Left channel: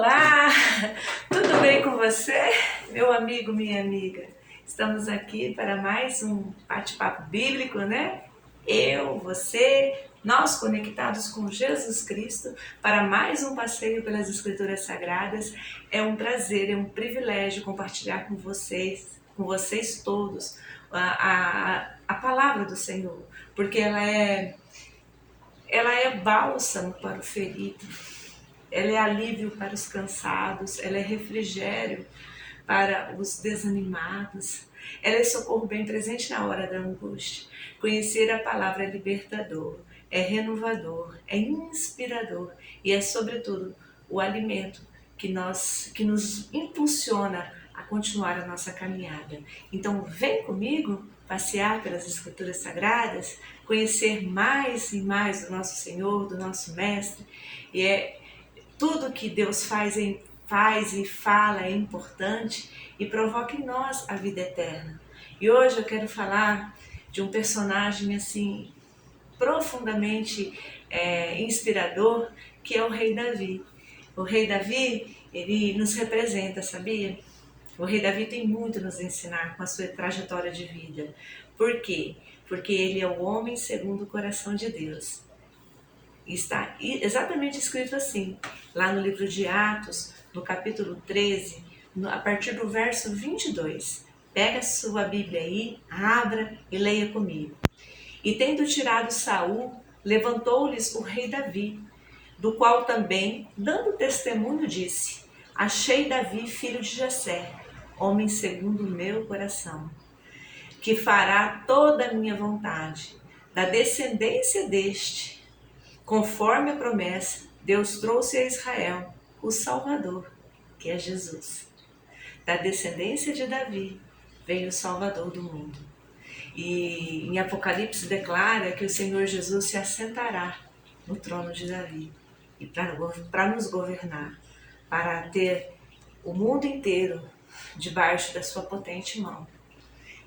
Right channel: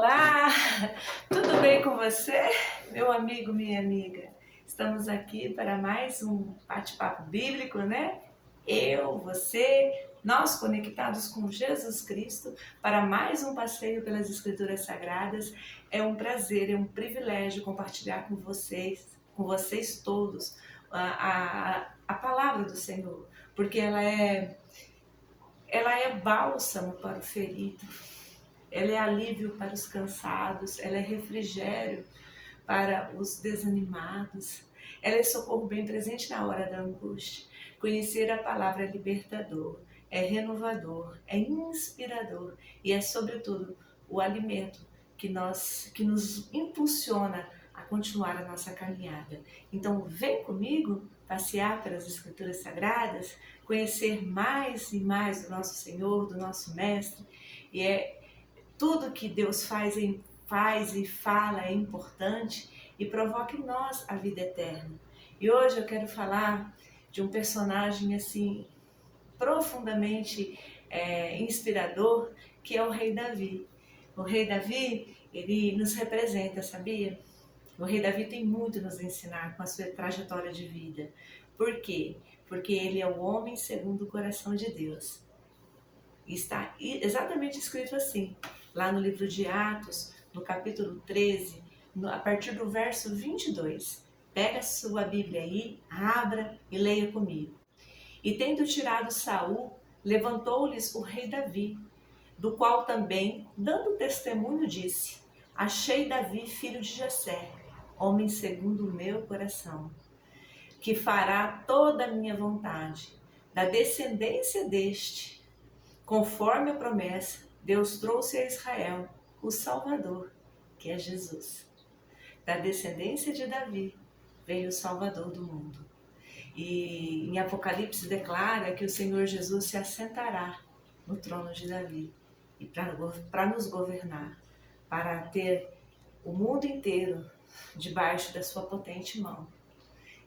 Olá, tudo bem com você, meu amigo, minha amiga? Estamos aqui para mais um bate-papo bíblico, né? Eu, você, nós conectados com Jesus Cristo para mais um passeio pelas Escrituras Sagradas. É um prazer, é um privilégio compartilhar com vocês todos, a palavra do Senhor, porque ela é bálsamo para o ferido. Ela é alívio para os cansados, ela é refrigério para os desanimados, ela é socorro bem presente na hora da angústia. Conhecer a palavra é libertador, é renovador, é inspirador e é, sobretudo, o alimento que nos impulsiona a continuar a nossa caminhada. Então, vem comigo passear pelas Escrituras Sagradas, conhecer mais e mais do nosso Senhor, do nosso Mestre, e tudo que Deus faz e fala é importante e provoca em nós a vida eterna. E hoje eu quero falar de um personagem assim profundamente inspirador, que é o rei Davi. O rei Davi, ele nos representa, sabia? O rei Davi tem muito a nos ensinar com a sua trajetória de vida. Por quê? Porque ele é o homem segundo o coração de Deus. Está exatamente escrito assim, lá no livro de Atos, no capítulo 13, a partir do verso 22. Pega a sua Bíblia aí, abra e leia comigo. E tendo tirado Saul, levantou-lhes o rei Davi, do qual também, dando testemunho, disse: Achei Davi, filho de Jessé, homem segundo o meu coração, que fará toda a minha vontade. Da descendência deste, conforme a promessa, Deus trouxe a Israel o Salvador, que é Jesus. Da descendência de Davi veio o Salvador do mundo. E em Apocalipse declara que o Senhor Jesus se assentará no trono de Davi e para nos governar, para ter o mundo inteiro debaixo da sua potente mão.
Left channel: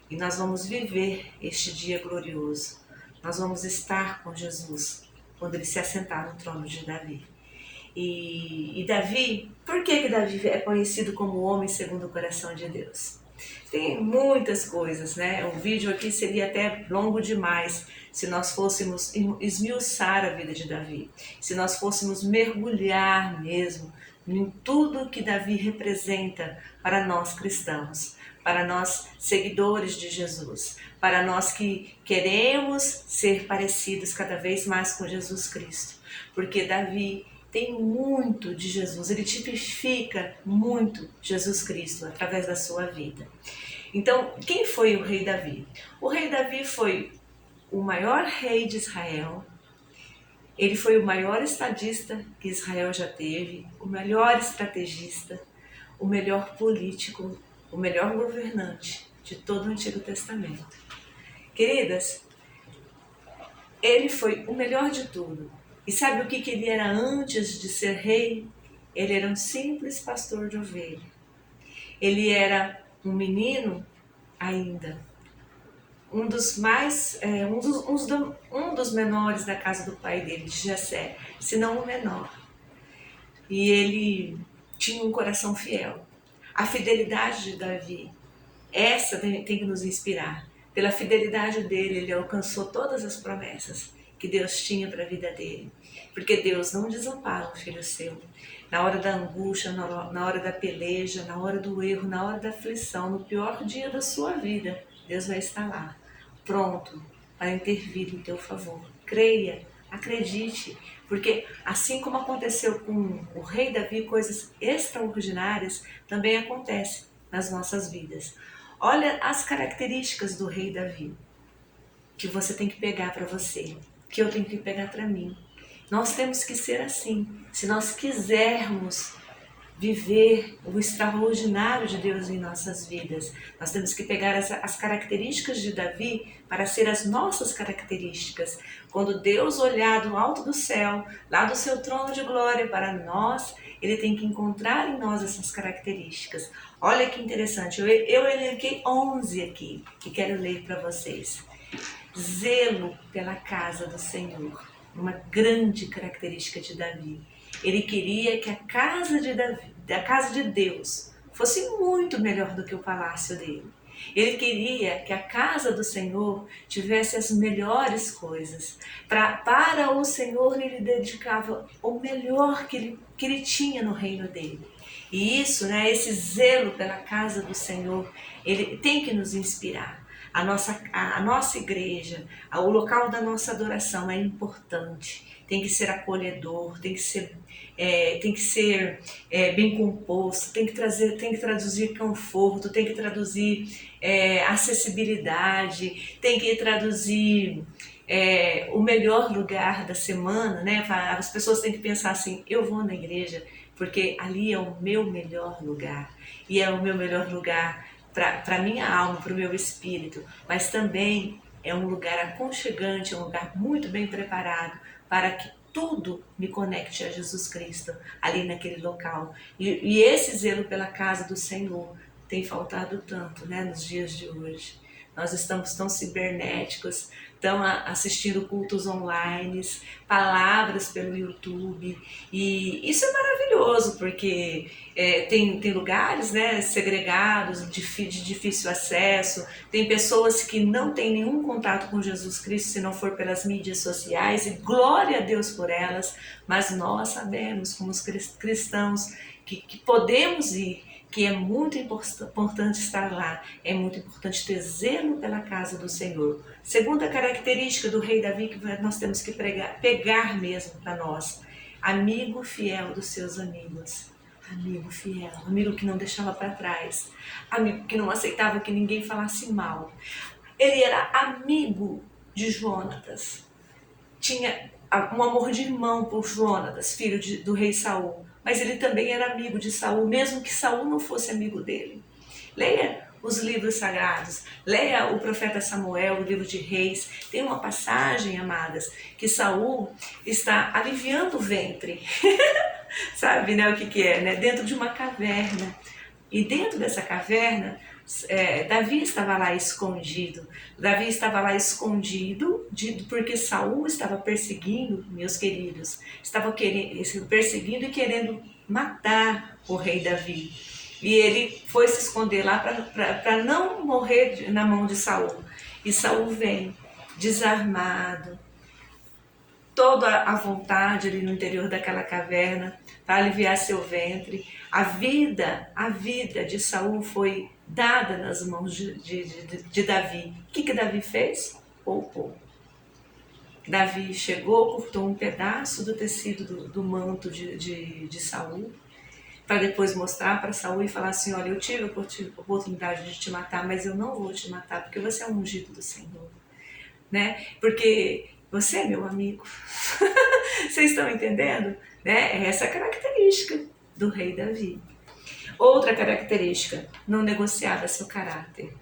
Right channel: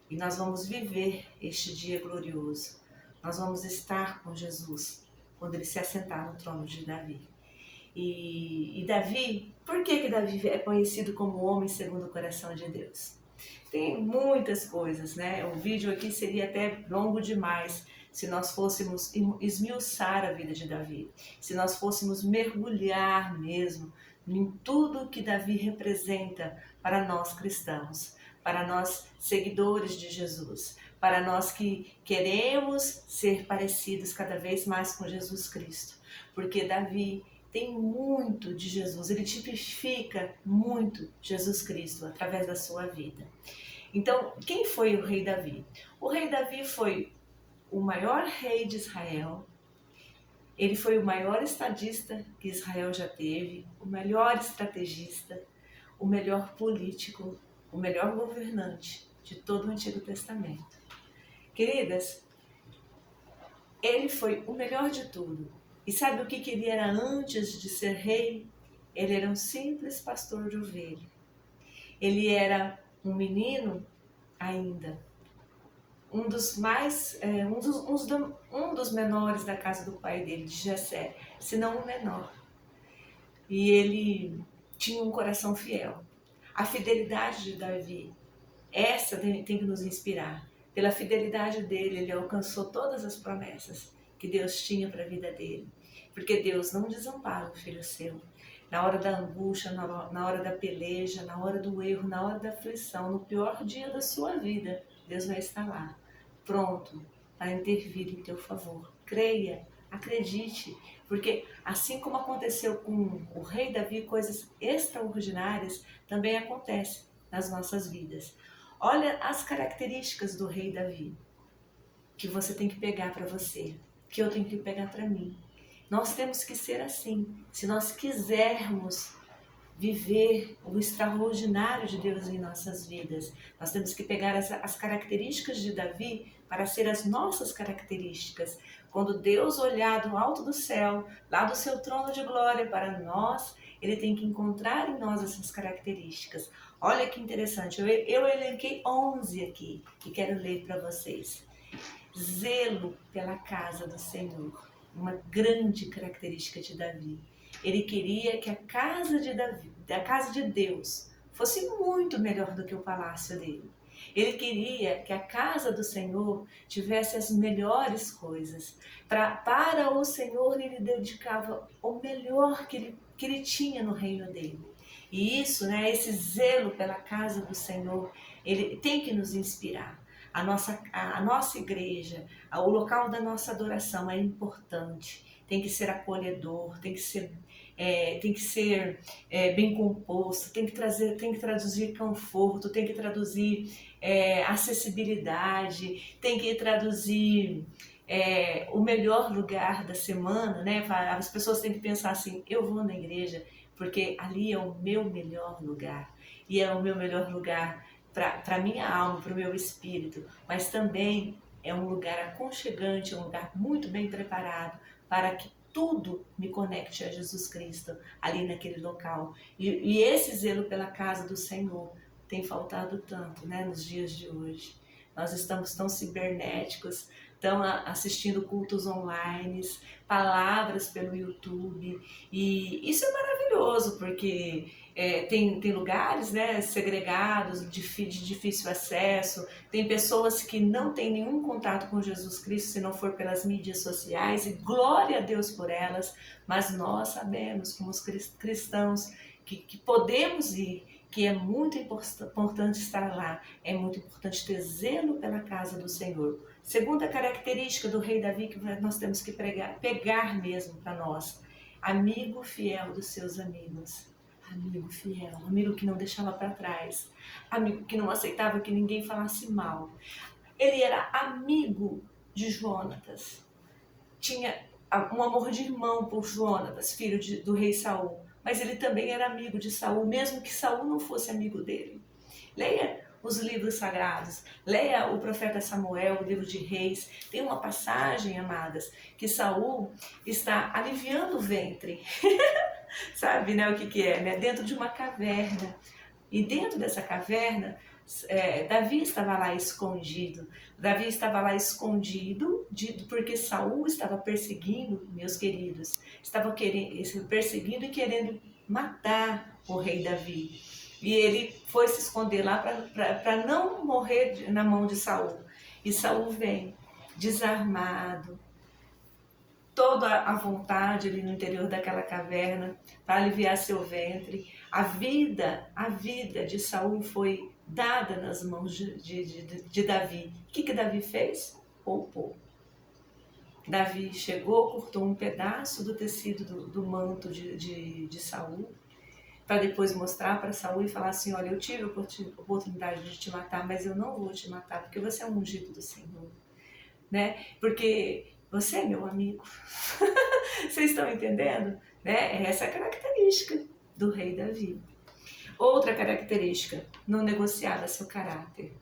E nós vamos viver este dia glorioso. Nós vamos estar com Jesus quando ele se assentar no trono de Davi. E Davi, por que Davi é conhecido como o homem segundo o coração de Deus? Tem muitas coisas, né? Um vídeo aqui seria até longo demais se nós fôssemos esmiuçar a vida de Davi, se nós fôssemos mergulhar mesmo em tudo que Davi representa para nós cristãos, para nós seguidores de Jesus, para nós que queremos ser parecidos cada vez mais com Jesus Cristo, porque Davi tem muito de Jesus, ele tipifica muito Jesus Cristo através da sua vida. Então, quem foi o rei Davi? O rei Davi foi o maior rei de Israel, ele foi o maior estadista que Israel já teve, o melhor estrategista, o melhor político, o melhor governante de todo o Antigo Testamento. Queridas, ele foi o melhor de tudo. E sabe o que ele era antes de ser rei? Ele era um simples pastor de ovelha. Ele era um menino ainda, um dos menores da casa do pai dele, de Jessé, se não o menor. E ele tinha um coração fiel. A fidelidade de Davi, essa tem que nos inspirar. Pela fidelidade dele, ele alcançou todas as promessas que Deus tinha para a vida dele. Porque Deus não desampara o filho seu. Na hora da angústia, na hora da peleja, na hora do erro, na hora da aflição, no pior dia da sua vida, Deus vai estar lá, pronto para intervir em teu favor. Creia, acredite, porque assim como aconteceu com o rei Davi, coisas extraordinárias também acontecem nas nossas vidas. Olha as características do rei Davi, que você tem que pegar para você, que eu tenho que pegar para mim. Nós temos que ser assim, se nós quisermos viver o extraordinário de Deus em nossas vidas. Nós temos que pegar as características de Davi para ser as nossas características. Quando Deus olhar do alto do céu, lá do seu trono de glória para nós, ele tem que encontrar em nós essas características. Olha que interessante, eu elenquei 11 aqui e quero ler para vocês. Zelo pela casa do Senhor, uma grande característica de Davi. Ele queria que a casa de Davi, a casa de Deus, fosse muito melhor do que o palácio dele. Ele queria que a casa do Senhor tivesse as melhores coisas. Para o Senhor, ele dedicava o melhor que ele tinha no reino dele. E isso, né, esse zelo pela casa do Senhor, ele tem que nos inspirar. A nossa igreja, o local da nossa adoração é importante. Tem que ser acolhedor, tem que ser bem composto, tem que traduzir conforto, tem que traduzir acessibilidade, tem que traduzir o melhor lugar da semana, né? As pessoas têm que pensar assim, eu vou na igreja porque ali é o meu melhor lugar, e é o meu melhor lugar para a minha alma, para o meu espírito, mas também é um lugar aconchegante, é um lugar muito bem preparado para que tudo me conecte a Jesus Cristo ali naquele local. E esse zelo pela casa do Senhor tem faltado tanto, né, nos dias de hoje. Nós estamos tão cibernéticos, estão assistindo cultos online, palavras pelo YouTube, e isso é maravilhoso, porque tem lugares, né, segregados, de difícil acesso, tem pessoas que não têm nenhum contato com Jesus Cristo se não for pelas mídias sociais, e glória a Deus por elas, mas nós sabemos, como os cristãos, que podemos ir, que é muito importante estar lá, é muito importante ter zelo pela casa do Senhor. Segunda característica do rei Davi que nós temos que pegar mesmo para nós: amigo fiel dos seus amigos. Amigo fiel, amigo que não deixava para trás, amigo que não aceitava que ninguém falasse mal. Ele era amigo de Jonatas, tinha um amor de irmão por Jonatas, filho do rei Saul, mas ele também era amigo de Saul, mesmo que Saul não fosse amigo dele. Leia os livros sagrados, leia o profeta Samuel, o livro de Reis. Tem uma passagem, amadas, que Saul está aliviando o ventre. Sabe, né, o que é, né? Dentro de uma caverna. E dentro dessa caverna, Davi estava lá escondido. Davi estava lá escondido porque Saul estava perseguindo, meus queridos, estava perseguindo e querendo matar o rei Davi. E ele foi se esconder lá para não morrer na mão de Saul. E Saul vem desarmado, toda a vontade ali no interior daquela caverna para aliviar seu ventre. A vida de Saul foi dada nas mãos de Davi. O que Davi fez? Poupou. Davi chegou, cortou um pedaço do tecido do manto de Saul, para depois mostrar para Saul e falar assim: olha, eu tive a oportunidade de te matar, mas eu não vou te matar, porque você é um ungido do Senhor, né? Porque você é meu amigo. Vocês estão entendendo? Né? É essa a característica do rei Davi. Outra característica: não negociava seu caráter.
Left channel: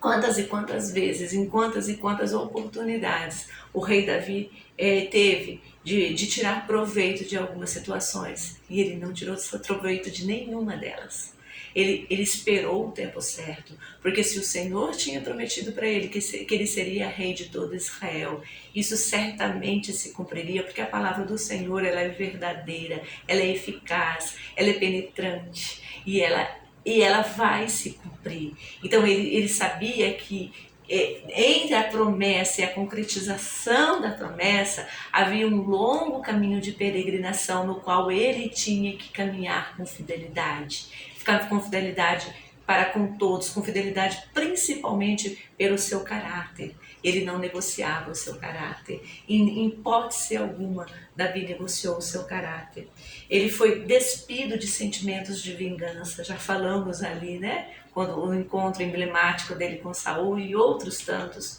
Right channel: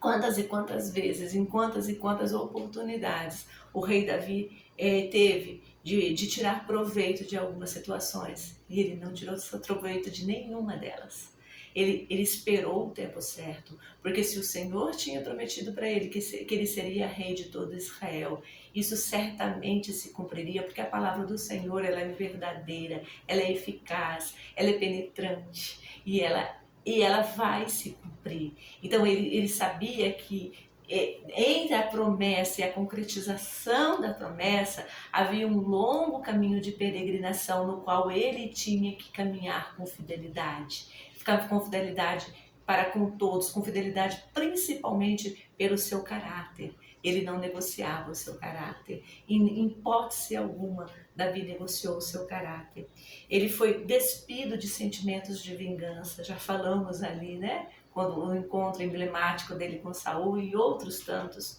Quantas e quantas vezes, em quantas e quantas oportunidades o rei Davi teve de tirar proveito de algumas situações, e ele não tirou proveito de nenhuma delas. Ele esperou o tempo certo, porque se o Senhor tinha prometido para ele que ele seria rei de todo Israel, isso certamente se cumpriria, porque a palavra do Senhor, ela é verdadeira, ela é eficaz, ela é penetrante, e ela vai se cumprir. Então ele sabia que entre a promessa e a concretização da promessa havia um longo caminho de peregrinação no qual ele tinha que caminhar com fidelidade. Ficar com fidelidade para com todos, com fidelidade principalmente pelo seu caráter. Ele não negociava o seu caráter. Em hipótese alguma, Davi negociou o seu caráter. Ele foi despido de sentimentos de vingança. Já falamos ali, né? Quando o encontro emblemático dele com Saul e outros tantos.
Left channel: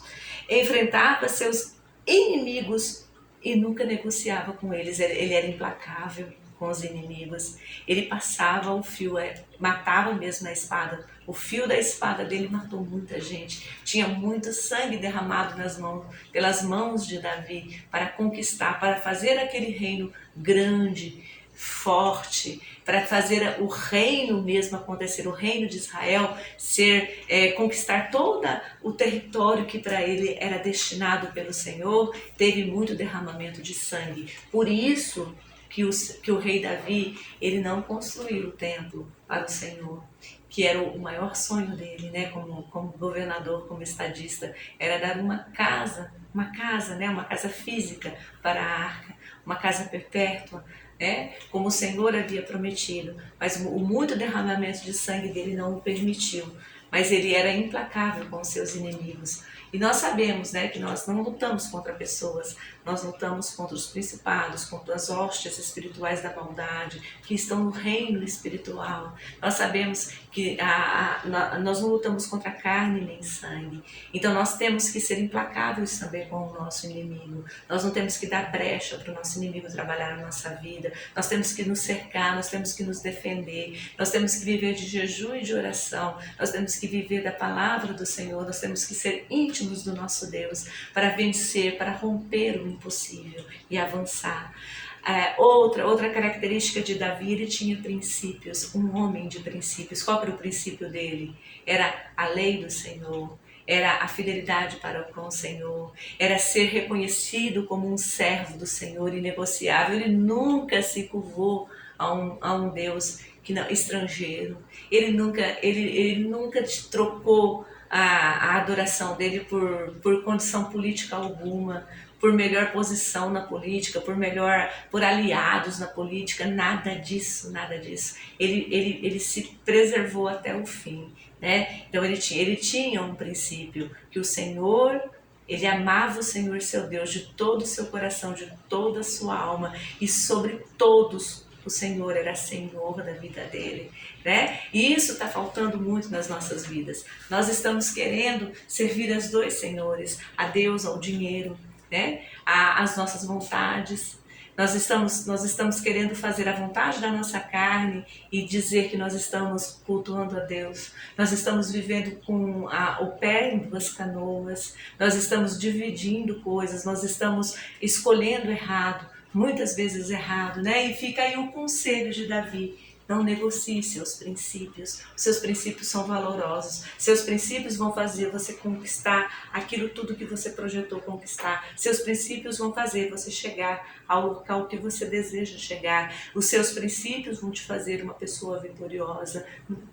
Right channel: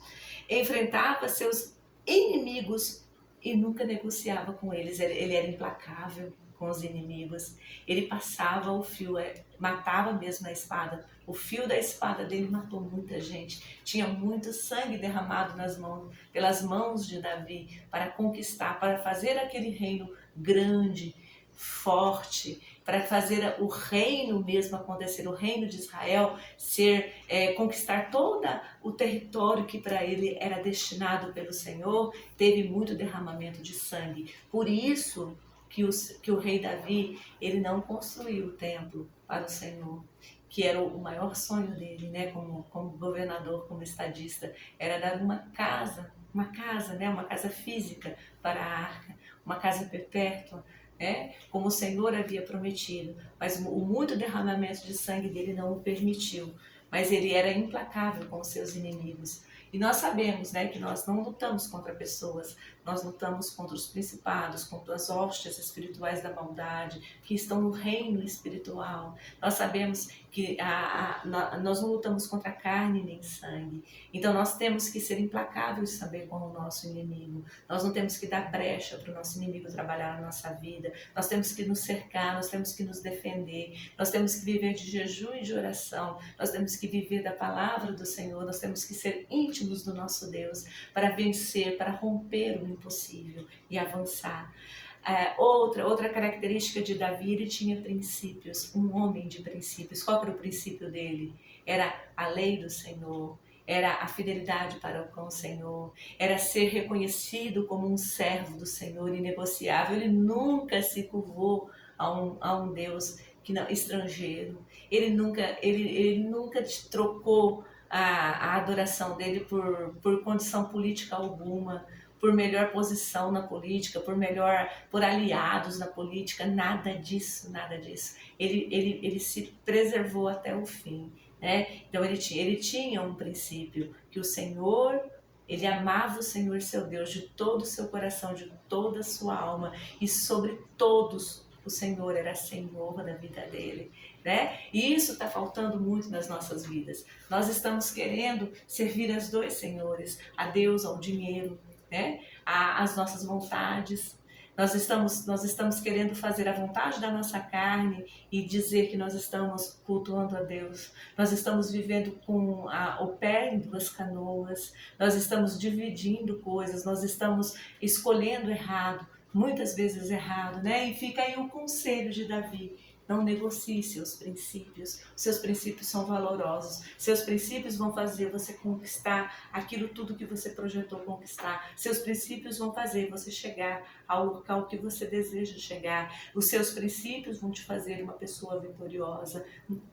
Enfrentava seus inimigos e nunca negociava com eles. Ele era implacável com os inimigos. Ele passava o fio, matava mesmo a espada. O fio da espada dele matou muita gente. Tinha muito sangue derramado pelas mãos de Davi para conquistar, para fazer aquele reino grande, forte, para fazer o reino mesmo acontecer, o reino de Israel conquistar todo o território que para ele era destinado pelo Senhor. Teve muito derramamento de sangue. Por isso que o rei Davi, ele não construiu o templo para o Senhor, que era o maior sonho dele, né, como governador, como estadista, era dar uma casa, né, uma casa física para a arca, uma casa perpétua, né, como o Senhor havia prometido, mas o muito derramamento de sangue dele não o permitiu, mas ele era implacável com os seus inimigos. E nós sabemos, né, que nós não lutamos contra pessoas, nós lutamos contra os principados, contra as hostes espirituais da maldade que estão no reino espiritual. Nós sabemos que nós não lutamos contra carne nem sangue. Então nós temos que ser implacáveis também com o nosso inimigo. Nós não temos que dar brecha para o nosso inimigo trabalhar na nossa vida. Nós temos que nos cercar, nós temos que nos defender. Nós temos que viver de jejum e de oração. Nós temos que viver da palavra do Senhor. Nós temos que ser íntimos do nosso Deus para vencer, para romper o impossível e avançar. Outra característica de Davi, ele tinha princípios, um homem de princípios. Qual era o princípio dele? Era a lei do Senhor, era a fidelidade para com o Senhor, era ser reconhecido como um servo do Senhor inegociável. Ele nunca se curvou a um Deus que não, estrangeiro. Ele nunca trocou a adoração dele por condição política alguma, por melhor posição na política, por aliados na política, nada disso, nada disso. Ele se preservou até o fim, né? Então ele tinha um princípio, que o Senhor, ele amava o Senhor seu Deus de todo o seu coração, de toda a sua alma, e sobre todos o Senhor era Senhor da vida dele, né? E isso está faltando muito nas nossas vidas. Nós estamos querendo servir aos dois senhores, a Deus, ao dinheiro, né? As nossas vontades. Nós estamos querendo fazer a vontade da nossa carne e dizer que nós estamos cultuando a Deus. Nós estamos vivendo com o pé em duas canoas. Nós estamos dividindo coisas. Nós estamos escolhendo errado, muitas vezes errado, né? E fica aí o conselho de Davi: não negocie seus princípios. Os seus princípios são valorosos. Seus princípios vão fazer você conquistar aquilo tudo que você projetou conquistar. Seus princípios vão fazer você chegar ao local que você deseja chegar. Os seus princípios vão te fazer uma pessoa vitoriosa.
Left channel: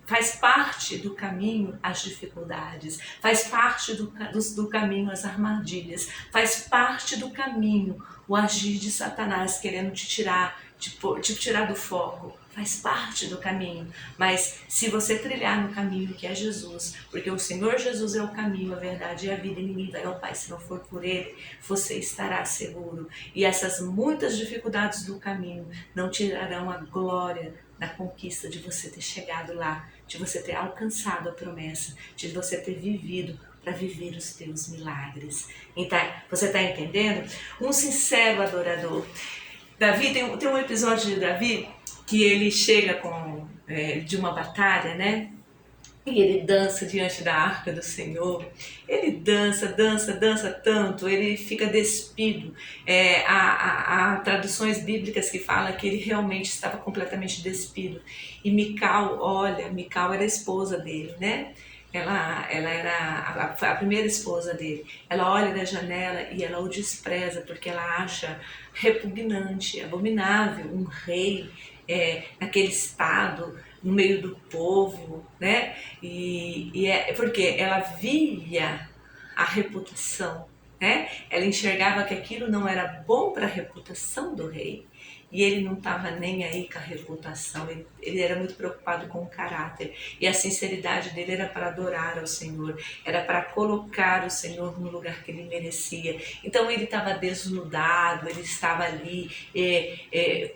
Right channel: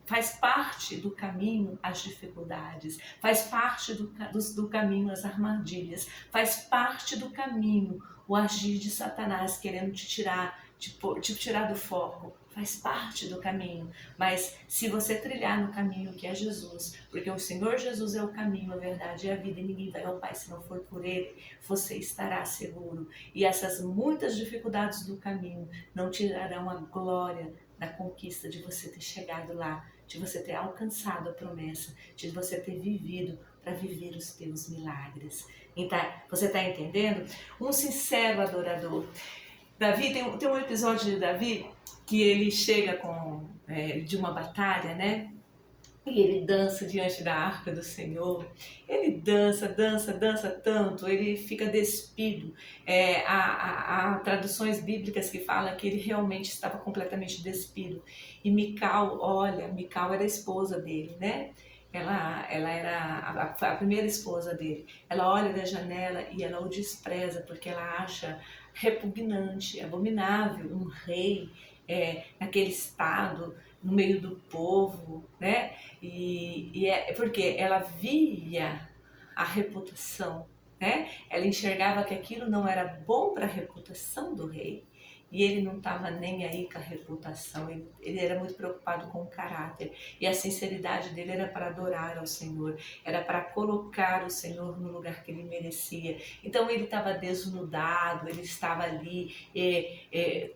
Faz parte do caminho as dificuldades. Faz parte do caminho as armadilhas. Faz parte do caminho o agir de Satanás querendo te tirar do foco. Faz parte do caminho, mas se você trilhar no caminho que é Jesus, porque o Senhor Jesus é o caminho, a verdade e a vida, e ninguém vai ao Pai se não for por Ele, você estará seguro. E essas muitas dificuldades do caminho não tirarão a glória da conquista de você ter chegado lá, de você ter alcançado a promessa, de você ter vivido para viver os teus milagres. Então, você está entendendo? Um sincero adorador. Davi, tem um episódio de Davi que ele chega de uma batalha, né? E ele dança diante da arca do Senhor. Ele dança tanto, ele fica despido. Há traduções bíblicas que falam que ele realmente estava completamente despido. E Mical era a esposa dele, né? Ela era a primeira esposa dele. Ela olha da janela e ela o despreza, porque ela acha repugnante, abominável um rei naquele estado, no meio do povo, né? E é porque ela via a reputação, né? Ela enxergava que aquilo não era bom para a reputação do rei. E ele não estava nem aí com a reputação, ele era muito preocupado com o caráter. E a sinceridade dele era para adorar ao Senhor, era para colocar o Senhor no lugar que ele merecia. Então ele estava desnudado, ele estava ali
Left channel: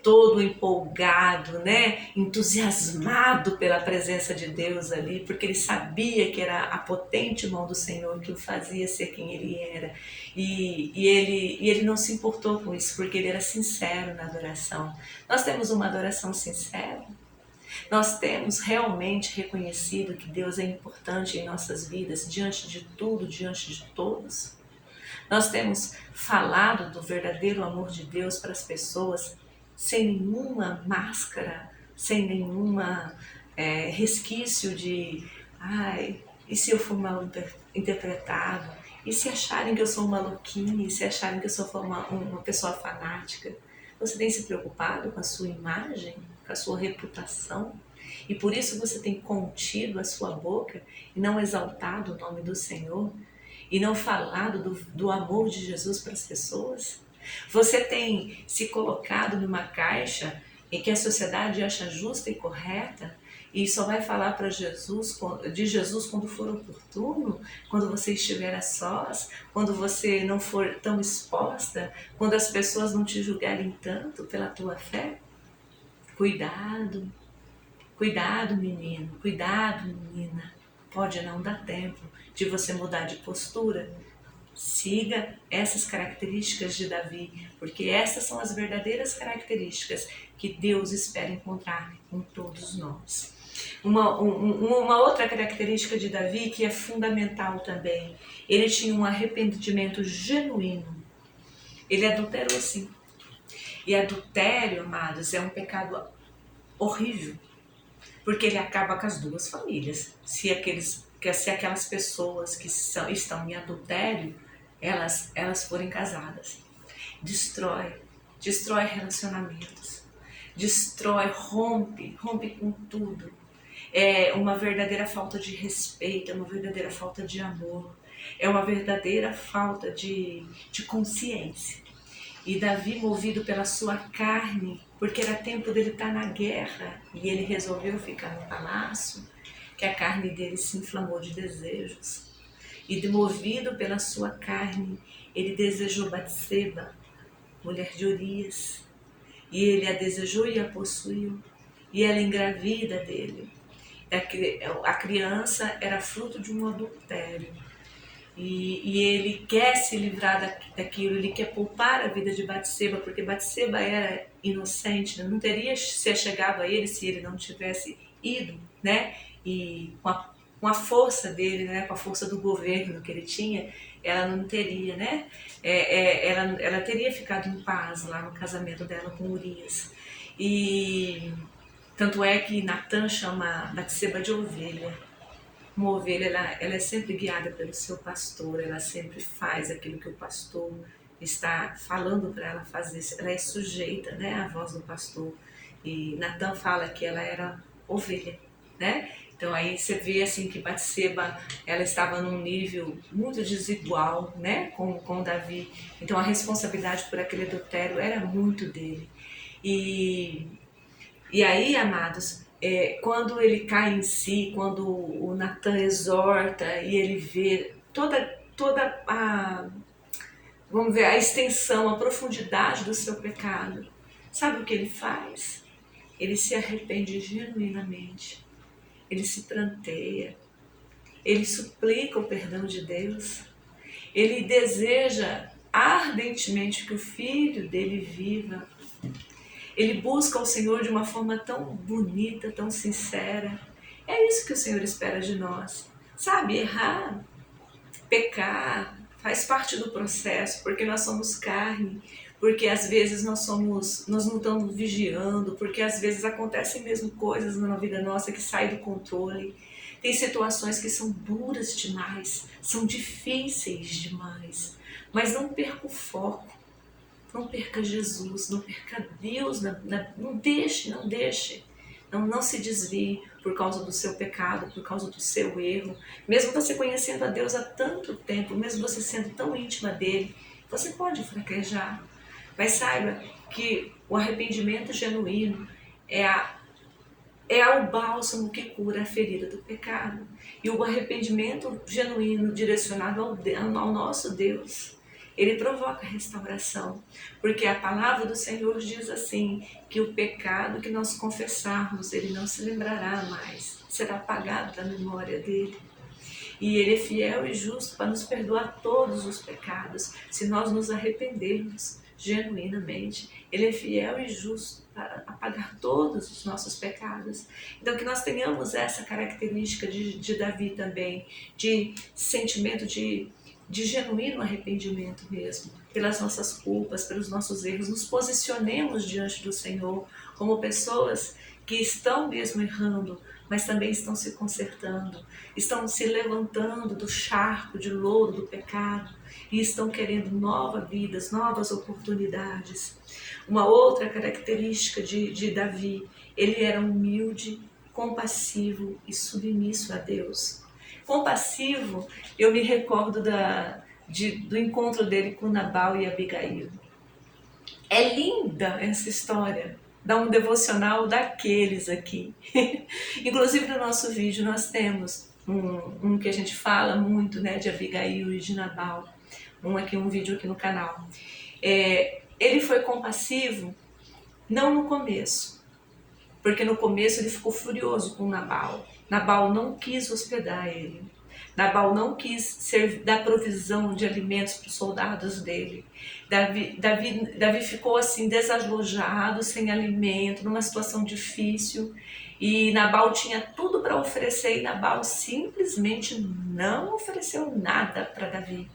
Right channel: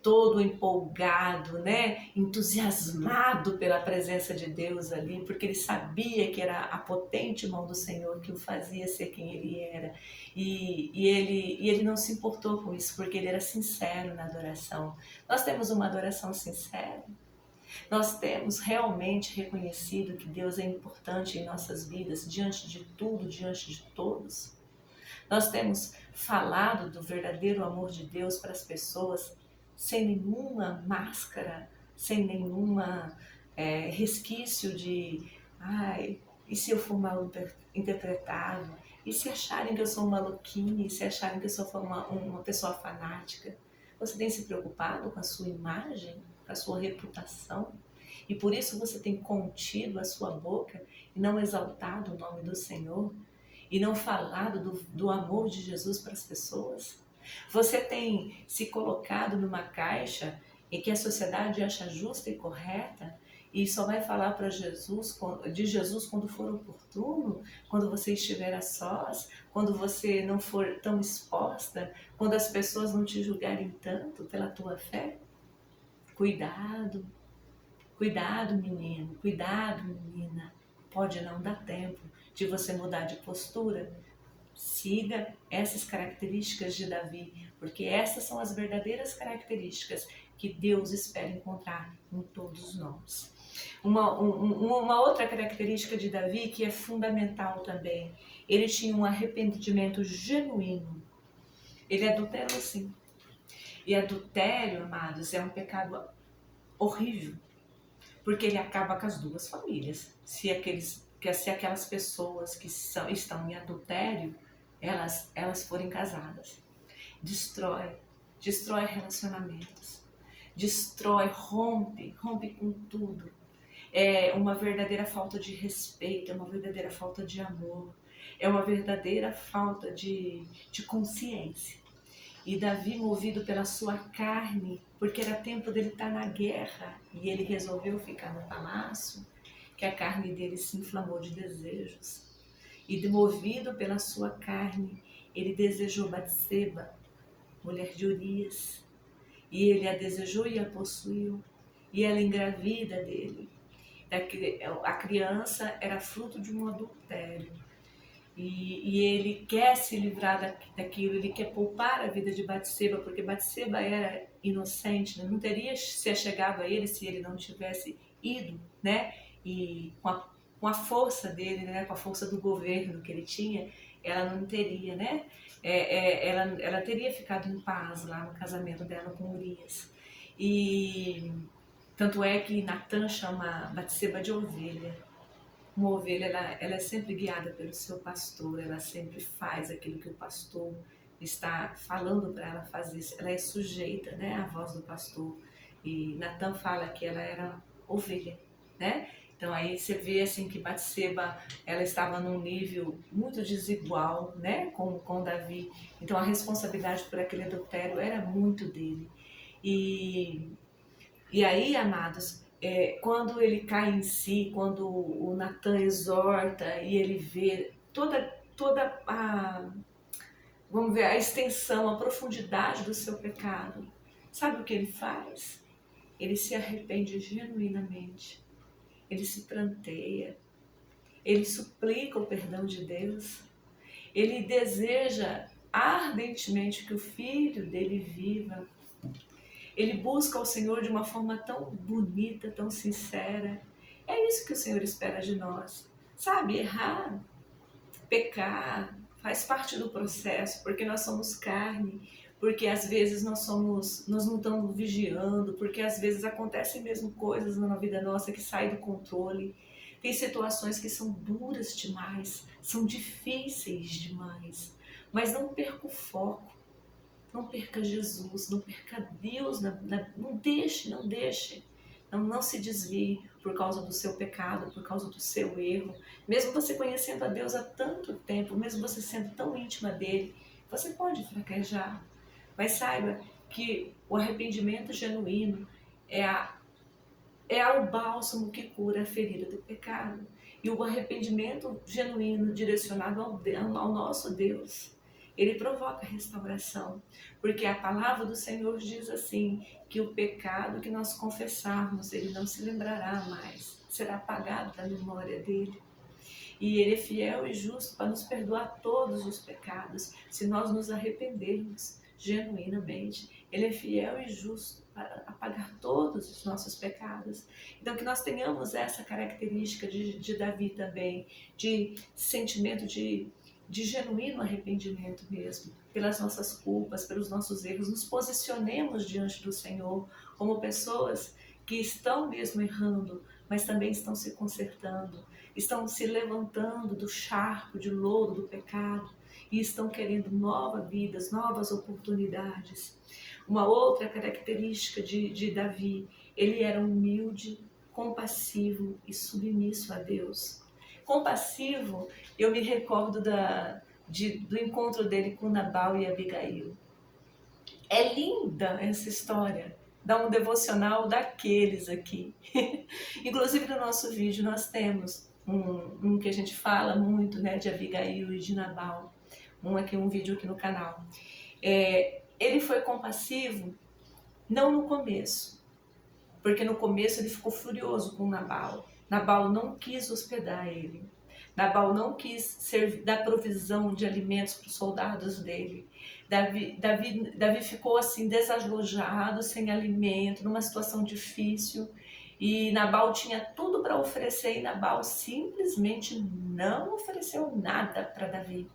todo empolgado, né? Entusiasmado pela presença de Deus ali, porque ele sabia que era a potente mão do Senhor que o fazia ser quem ele era. E ele não se importou com isso, porque ele era sincero na adoração. Nós temos uma adoração sincera. Nós temos realmente reconhecido que Deus é importante em nossas vidas, diante de tudo, diante de todos. Nós temos falado do verdadeiro amor de Deus para as pessoas sem nenhuma máscara, sem nenhuma resquício de e se eu for mal interpretado? E se acharem que eu sou maluquinha? E se acharem que eu sou uma pessoa fanática? Você tem se preocupado com a sua imagem, com a sua reputação? E por isso você tem contido a sua boca e não exaltado o nome do Senhor? E não falado do amor de Jesus para as pessoas? Você tem se colocado numa caixa em que a sociedade acha justa e correta e só vai falar para Jesus, de Jesus quando for oportuno, quando você estiver a sós, quando você não for tão exposta, quando as pessoas não te julgarem tanto pela tua fé? Cuidado, cuidado menino, cuidado menina, pode não dar tempo de você mudar de postura. Siga essas características de Davi, porque essas são as verdadeiras características que Deus espera encontrar em todos nós. Uma outra característica de Davi que é fundamental também, ele tinha um arrependimento genuíno. Ele adulterou sim. E adultério, amados, é um pecado horrível, porque ele acaba com as duas famílias. Se aquelas pessoas que estão em adultério, elas forem casadas. Destrói relacionamentos, rompe com tudo. É uma verdadeira falta de respeito, é uma verdadeira falta de amor, é uma verdadeira falta de consciência. E Davi, movido pela sua carne, porque era tempo dele estar na guerra e ele resolveu ficar no palácio, que a carne dele se inflamou de desejos. E movido pela sua carne, ele desejou Batseba, mulher de Urias. E ele a desejou e a possuiu. E ela engravida dele. A criança era fruto de um adultério. E ele quer se livrar daquilo, ele quer poupar a vida de Batseba, porque Batseba era inocente, não teria se chegado a ele se ele não tivesse ido, né? E com a força dele, né? Com a força do governo que ele tinha, ela não teria, né? Ela teria ficado em paz lá no casamento dela com Urias. E tanto é que Natan chama Batseba de ovelha. Uma ovelha, ela é sempre guiada pelo seu pastor, ela sempre faz aquilo que o pastor está falando para ela fazer, ela é sujeita, né, à voz do pastor. E Natan fala que ela era ovelha, né? Então aí você vê assim que Batseba, ela estava num nível muito desigual, né, com Davi. Então a responsabilidade por aquele adultério era muito dele. E aí, amados, quando ele cai em si, quando o Natan exorta e ele vê toda vamos ver, a extensão, a profundidade do seu pecado, sabe o que ele faz? Ele se arrepende genuinamente, ele se pranteia, ele suplica o perdão de Deus, ele deseja ardentemente que o filho dele viva. Ele busca o Senhor de uma forma tão bonita, tão sincera. É isso que o Senhor espera de nós. Sabe, errar, pecar, faz parte do processo, porque nós somos carne, porque às vezes nós não estamos vigiando, porque às vezes acontecem mesmo coisas na vida nossa que saem do controle. Tem situações que são duras demais, são difíceis demais, mas não perca o foco. Não perca Jesus, não perca Deus, não deixe, não se desvie por causa do seu pecado, por causa do seu erro. Mesmo você conhecendo a Deus há tanto tempo, mesmo você sendo tão íntima dele, você pode fraquejar. Mas saiba que o arrependimento genuíno é o bálsamo que cura a ferida do pecado. E o arrependimento genuíno direcionado ao nosso Deus, ele provoca restauração, porque a palavra do Senhor diz assim, que o pecado que nós confessarmos, ele não se lembrará mais, será apagado da memória dele. E ele é fiel e justo para nos perdoar todos os pecados, se nós nos arrependermos genuinamente. Ele é fiel e justo para apagar todos os nossos pecados. Então que nós tenhamos essa característica de Davi também, de sentimento de genuíno arrependimento mesmo, pelas nossas culpas, pelos nossos erros. Nos posicionemos diante do Senhor como pessoas que estão mesmo errando, mas também estão se consertando, estão se levantando do charco de lodo do pecado e estão querendo novas vidas, novas oportunidades. Uma outra característica de Davi, ele era humilde, compassivo e submisso a Deus. Compassivo, eu me recordo do encontro dele com Nabal e Abigail. É linda essa história. Dá um devocional daqueles aqui. Inclusive no nosso vídeo nós temos um que a gente fala muito, né, de Abigail e de Nabal. Um vídeo aqui no canal. Ele foi compassivo, não no começo, porque no começo ele ficou furioso com Nabal. Nabal não quis hospedar ele. Nabal não quis dar provisão de alimentos para os soldados dele. Davi ficou assim desalojado, sem alimento, numa situação difícil. E Nabal tinha tudo para oferecer e Nabal simplesmente não ofereceu nada para Davi.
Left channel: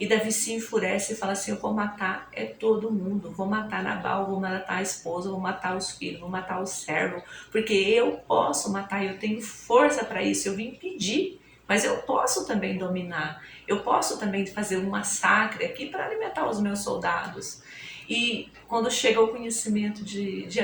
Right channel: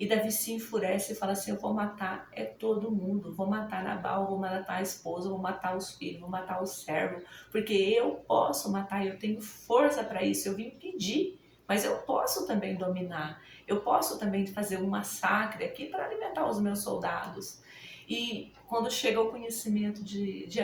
E Davi se enfurece e fala assim, eu vou matar todo mundo, vou matar Nabal, vou matar a esposa, vou matar os filhos, vou matar o servo, porque eu posso matar, eu tenho força para isso, eu vim pedir, mas eu posso também dominar, eu posso também fazer um massacre aqui para alimentar os meus soldados. E quando chega o conhecimento de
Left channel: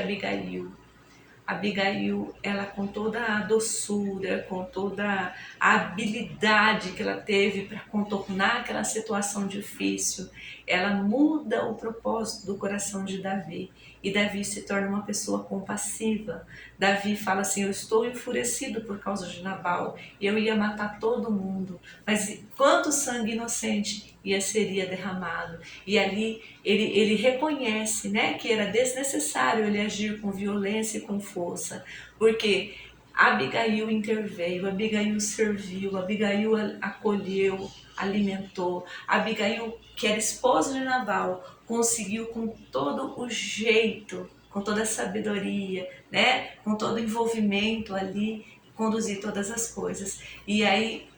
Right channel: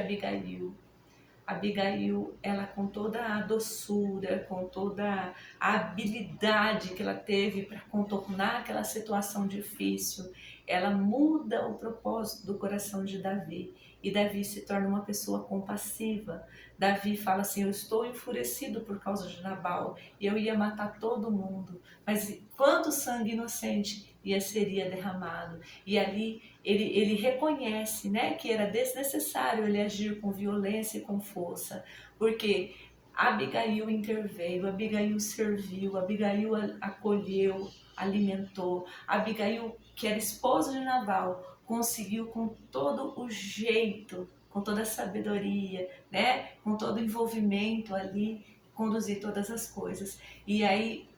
Abigail, ela com toda a doçura, com toda a habilidade que ela teve para contornar aquela situação difícil, ela muda o propósito do coração de Davi. E Davi se torna uma pessoa compassiva. Davi fala assim, eu estou enfurecido por causa de Nabal, e eu ia matar todo mundo, mas quanto sangue inocente seria derramado. E ali ele reconhece, né, que era desnecessário ele agir com violência e com força, porque Abigail interveio, Abigail serviu, Abigail acolheu, alimentou. Abigail, que era esposa de Nabal, conseguiu com todo o jeito, com toda a sabedoria, né, com todo o envolvimento ali, conduzir todas as coisas. E aí,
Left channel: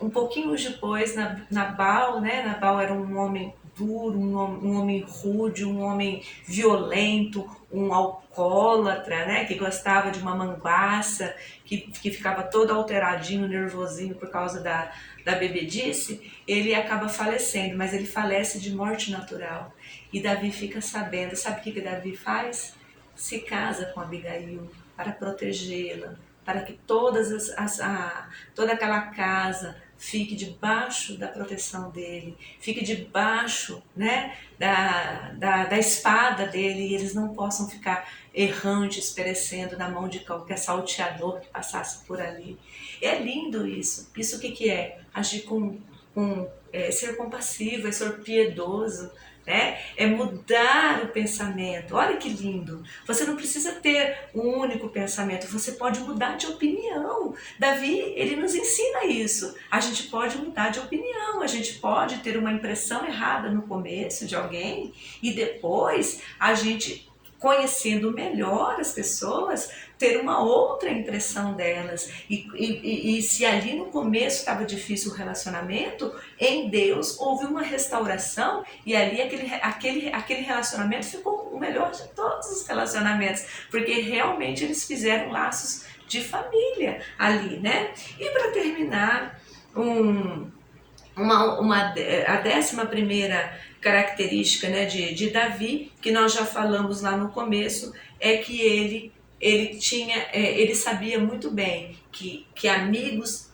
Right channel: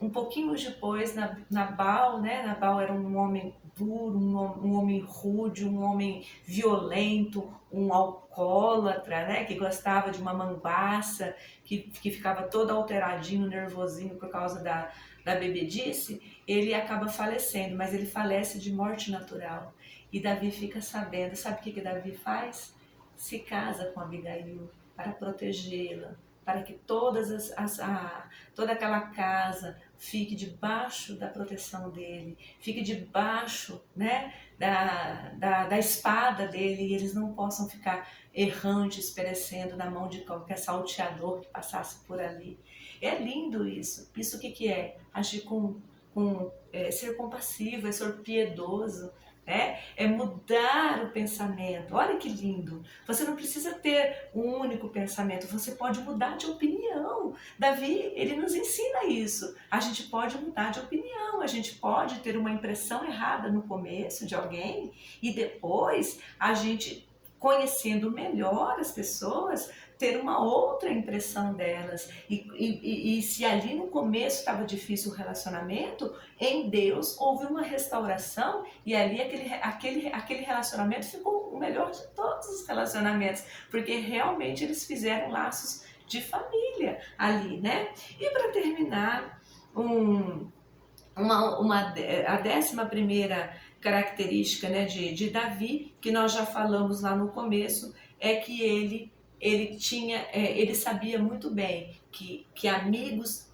um pouquinho depois, Nabal, né? Nabal era um homem duro, um homem rude, um homem violento, um alcoólatra, né? Que gostava de uma manguaça, que ficava todo alteradinho, nervosinho por causa da bebedice. Ele acaba falecendo, mas ele falece de morte natural. E Davi fica sabendo, sabe o que Davi faz? Se casa com Abigail para protegê-la, para que toda aquela casa fique debaixo da proteção dele, fique debaixo, né, da espada dele, e eles não possam ficar errantes, perecendo na mão de qualquer salteador que passasse por ali. É lindo isso. Isso o que é? Agir ser compassivo, é ser piedoso, né? É mudar o pensamento. Olha que lindo. Você não precisa ter um único pensamento, você pode mudar de opinião. Davi, ele nos ensina isso. A gente pode mudar de opinião, a gente pode ter uma impressão errada no começo de alguém e depois a gente, conhecendo melhor as pessoas, ter uma outra impressão delas. E se ali no começo estava difícil o relacionamento, em Deus houve uma restauração e ali aquele relacionamento ficou o melhor de todos os relacionamentos, porque realmente eles fizeram laços de família ali, né? E para terminar, a 11ª característica, né, de Davi, que nós já falamos lá no começo, é que ele sabia muito bem que amigos,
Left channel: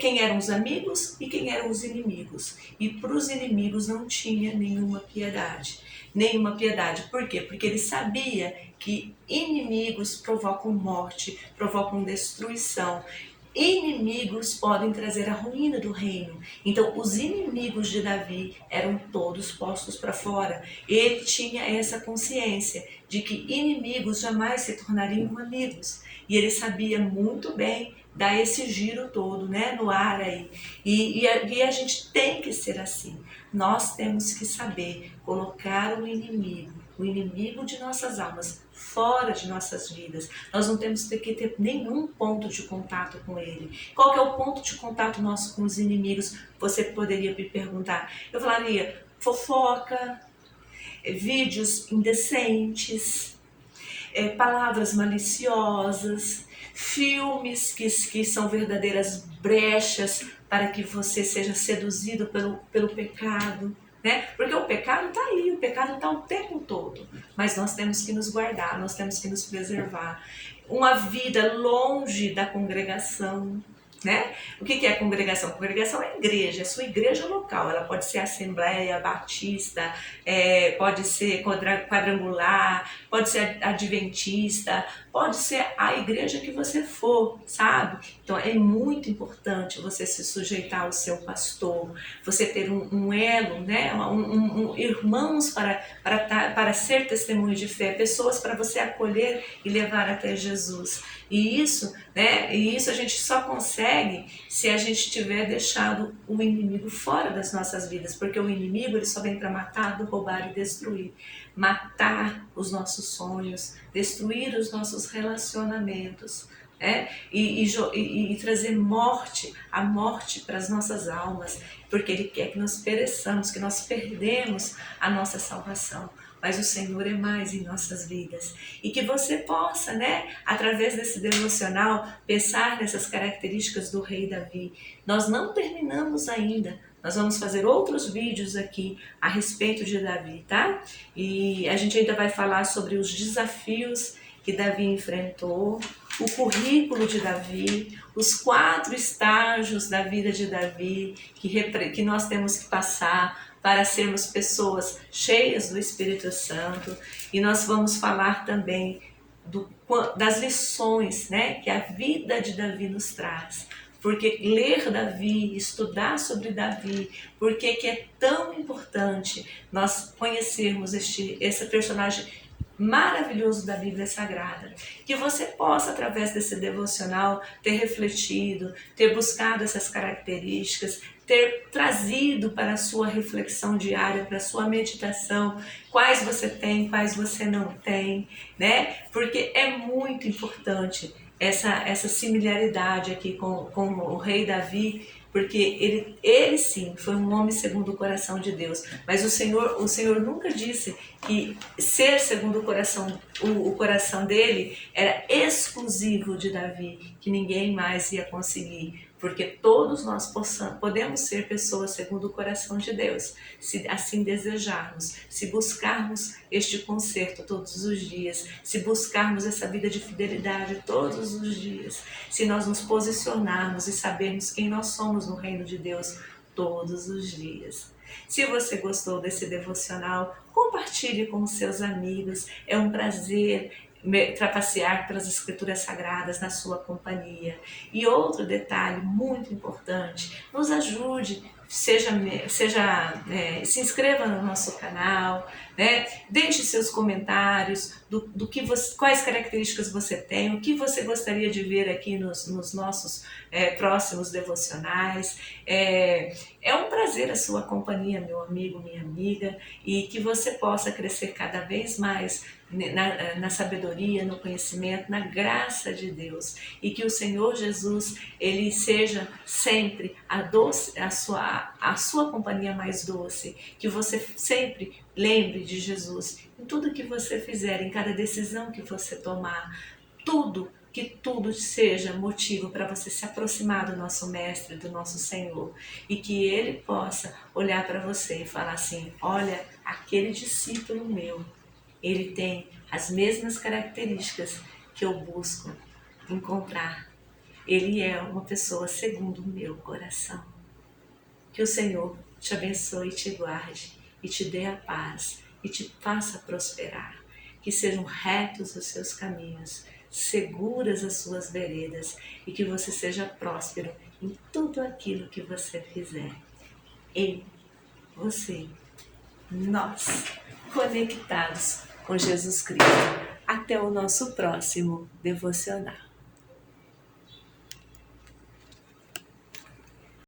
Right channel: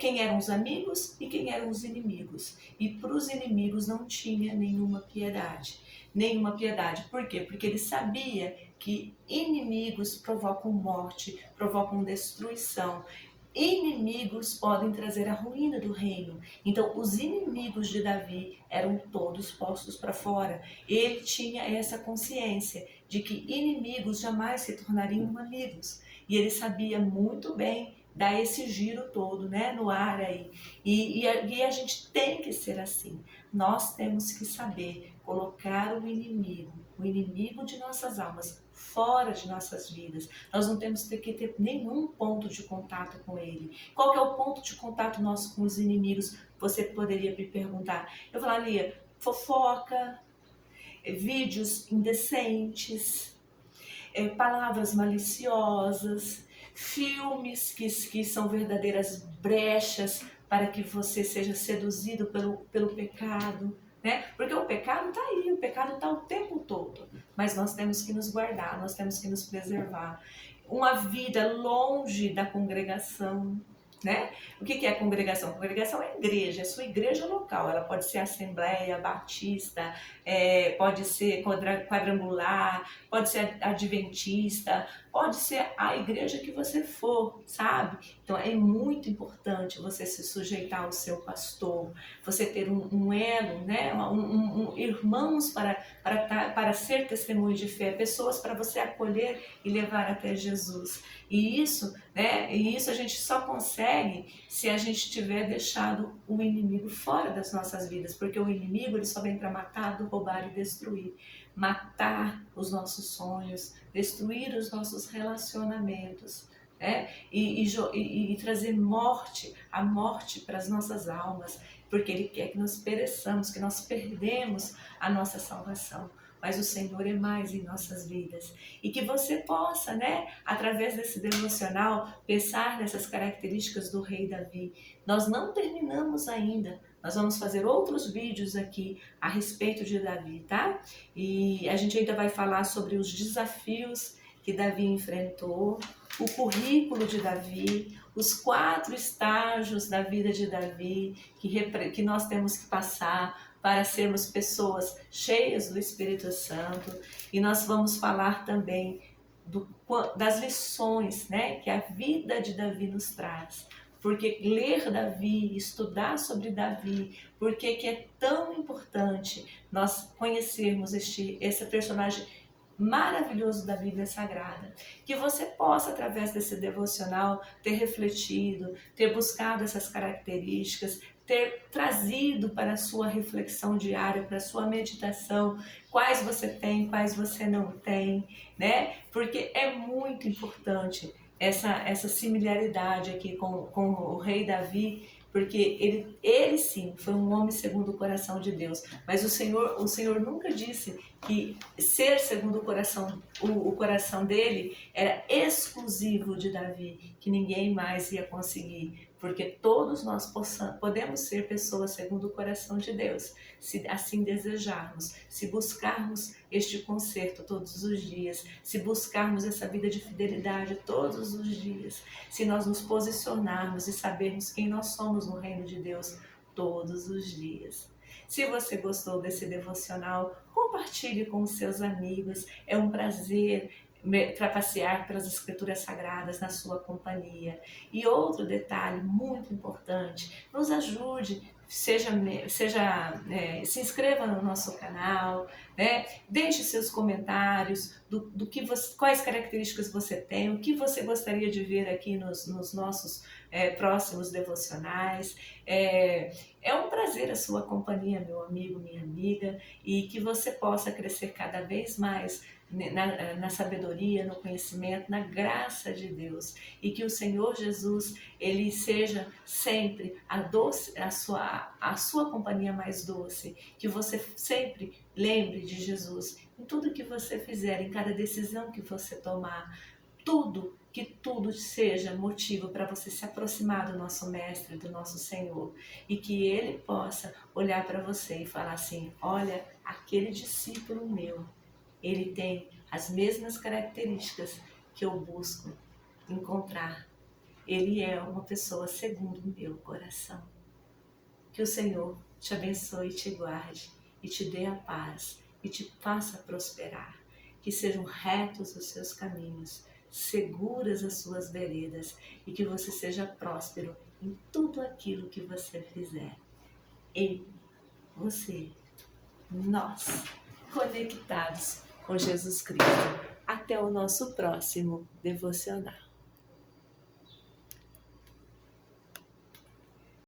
quem eram os amigos e quem eram os inimigos. E para os inimigos não tinha nenhuma piedade. Nenhuma piedade. Por quê? Porque ele sabia que inimigos provocam morte, provocam destruição. Inimigos podem trazer a ruína do reino. Então, os inimigos de Davi eram todos postos para fora. Ele tinha essa consciência de que inimigos jamais se tornariam amigos. E ele sabia muito bem dar esse giro todo, né, no ar aí. E a gente tem que ser assim. Nós temos que saber colocar o inimigo de nossas almas, fora de nossas vidas. Nós não temos que ter nenhum ponto de contato com ele. Qual que é o ponto de contato nosso com os inimigos? Você poderia me perguntar. Eu falaria, fofoca, vídeos indecentes, palavras maliciosas, filmes que são verdadeiras brechas para que você seja seduzido pelo pecado, né? Porque o pecado está aí, o pecado está o tempo todo, mas nós temos que nos guardar, nós temos que nos preservar. Uma vida longe da congregação, né? O que é congregação? Congregação é igreja, é sua igreja local. Ela pode ser assembleia, batista, pode ser quadrangular, pode ser adventista, pode ser a igreja que você for, sabe? Então é muito importante você se sujeitar ao seu pastor, você ter um elo, né? Irmãos para ser testemunho de fé, pessoas para você acolher e levar até Jesus. E isso, né? E isso a gente só consegue se a gente tiver deixado o inimigo fora das nossas vidas, porque o inimigo ele só vem para matar, roubar e destruir. Matar os sonhos, destruir os nossos relacionamentos, né? E trazer a morte para as nossas almas, porque ele quer que nós pereçamos, que nós perdemos a nossa salvação. Mas o Senhor é mais em nossas vidas. E que você possa, né, através desse devocional, pensar nessas características do rei Davi. Nós não terminamos ainda. Nós vamos fazer outros vídeos aqui a respeito de Davi, tá? E a gente ainda vai falar sobre os desafios que Davi enfrentou, o currículo de Davi, os 4 estágios da vida de Davi que nós temos que passar para sermos pessoas cheias do Espírito Santo. E nós vamos falar também das lições, né, que a vida de Davi nos traz. Porque ler Davi, estudar sobre Davi, porque que é tão importante nós conhecermos esse personagem maravilhoso da Bíblia Sagrada. Que você possa, através desse devocional, ter refletido, ter buscado essas características, ter trazido para a sua reflexão diária, para a sua meditação, quais você tem, quais você não tem, né? Porque é muito importante essa similaridade aqui com o rei Davi, porque ele sim foi um homem segundo o coração de Deus, mas o Senhor nunca disse que ser segundo o coração dele era exclusivo de Davi, que ninguém mais ia conseguir, porque todos nós podemos ser pessoas segundo o coração de Deus, se assim desejarmos, se buscarmos este conserto todos os dias, se buscarmos essa vida de fidelidade todos os dias, se nós nos posicionarmos e sabermos quem nós somos no reino de Deus todos os dias. Se você gostou desse devocional, compartilhe com os seus amigos. É um prazer trapacear pelas escrituras sagradas na sua companhia. E outro detalhe muito importante, nos ajude, se inscreva no nosso canal, né? Deixe seus comentários quais características você tem, o que você gostaria de ver aqui nos nossos próximos devocionais. É um prazer a sua companhia, meu amigo, minha amiga, e que você possa crescer cada vez mais na sabedoria, no conhecimento, na graça de Deus, e que o Senhor Jesus ele seja sempre a sua companhia mais doce, que você sempre lembre de Jesus em tudo que você fizer, em cada decisão que você tomar, que tudo seja motivo para você se aproximar do nosso Mestre, do nosso Senhor, e que Ele possa olhar para você e falar assim: olha, aquele discípulo meu, ele tem as mesmas características que eu busco encontrar. Ele é uma pessoa segundo o meu coração. Que o Senhor te abençoe e te guarde, e te dê a paz, e te faça prosperar. Que sejam retos os seus caminhos, seguras as suas veredas, e que você seja próspero em tudo aquilo que você fizer. Nós, conectados com Jesus Cristo. Até o nosso próximo devocional.